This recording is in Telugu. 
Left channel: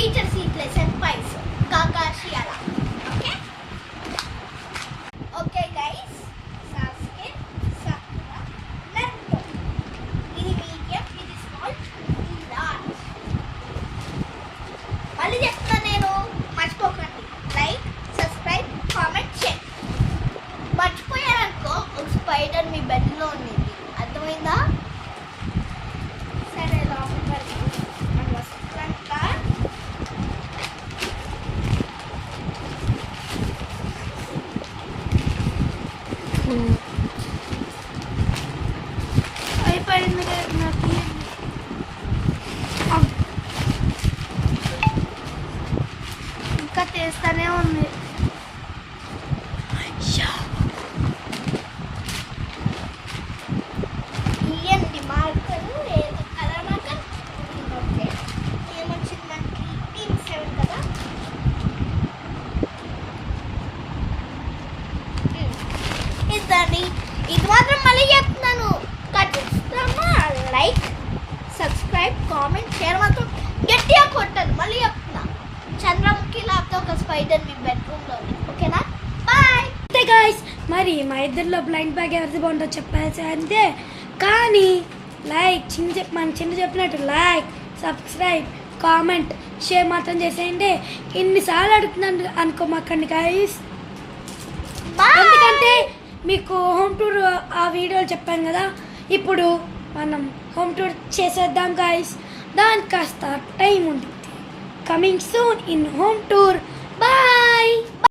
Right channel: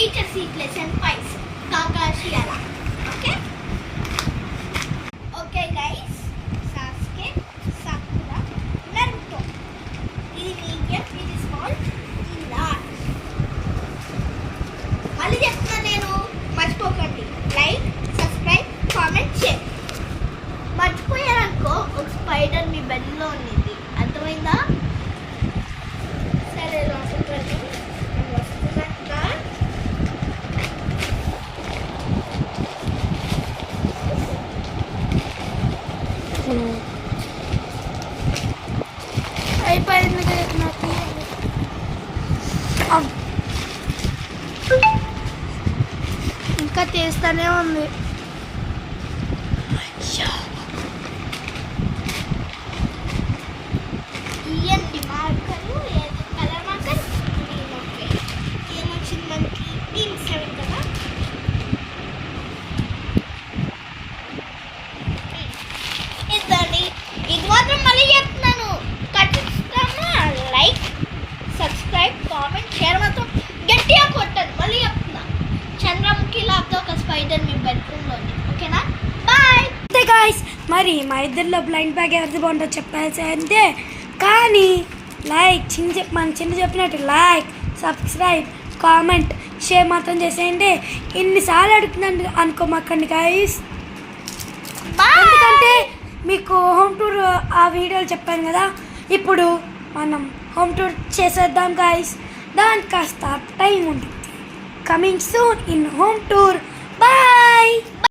teacher seat lesson 5 Kakashi Ala. Okay guys, Sasuke, Sakura, Naruto. This medium, it is called large. మళ్ళీ చెప్తున్నా నేను, మర్చిపోకండి లైక్, సబ్స్క్రైబ్, కామెంట్, షేర్. మర్చిపోయారనుకో ఒక స్పైడర్ మీ బెడ్లో ఉన్నది, అర్థమైందా? సరే లోపలికి వెళ్దాం. వస్తున్నాక అయిపోయింది నాకు. ఇంకా తీస్తానే ఉంది. ఇవ్వండి మార్కరు, ఏదో కలర్ మార్కర్. ఓకే, ఏమొచ్చింది మనకి? టీమ్ కదా. ఇదండి, ఇది మాత్రం మళ్ళీ చెప్తున్నాను, ఖచ్చితంగా లైక్, సబ్స్క్రైబ్, కామెంట్, షేర్ మాత్రం గట్టిగా కొట్టండి. మళ్ళీ చెప్తున్నా, చంద్రముఖి లాగా ఒక స్పైడర్ మీ బెడ్రూమ్లో ఉంది. ఓకేనా? బాయ్. అంతే గాయ్స్, మరి మా ఇద్దరిలో బ్లైండ్ బ్యాగ్ ఎవరిది బాగుంటుందో చెప్పేసి అంతే. కానీ లైక్ మన చిన్న చెప్పినట్టు లైక్, సబ్స్క్రైబ్, కామెంట్, షేర్ మాత్రం చేసేయండి. ఎన్నిసార్లు అడుగుతున్నాను అనుకోమాకండి గాయ్స్. ఎందుకంటే మీకు హోమ్ టూర్ ఆ వీడియోలు చెప్పాను కదా, ఇప్పుడు మనం హోమ్ టూర్ చేసేద్దాం గాయ్స్. దానికి కాస్త టైం ఉంది. Coming soon in home tour. Bye.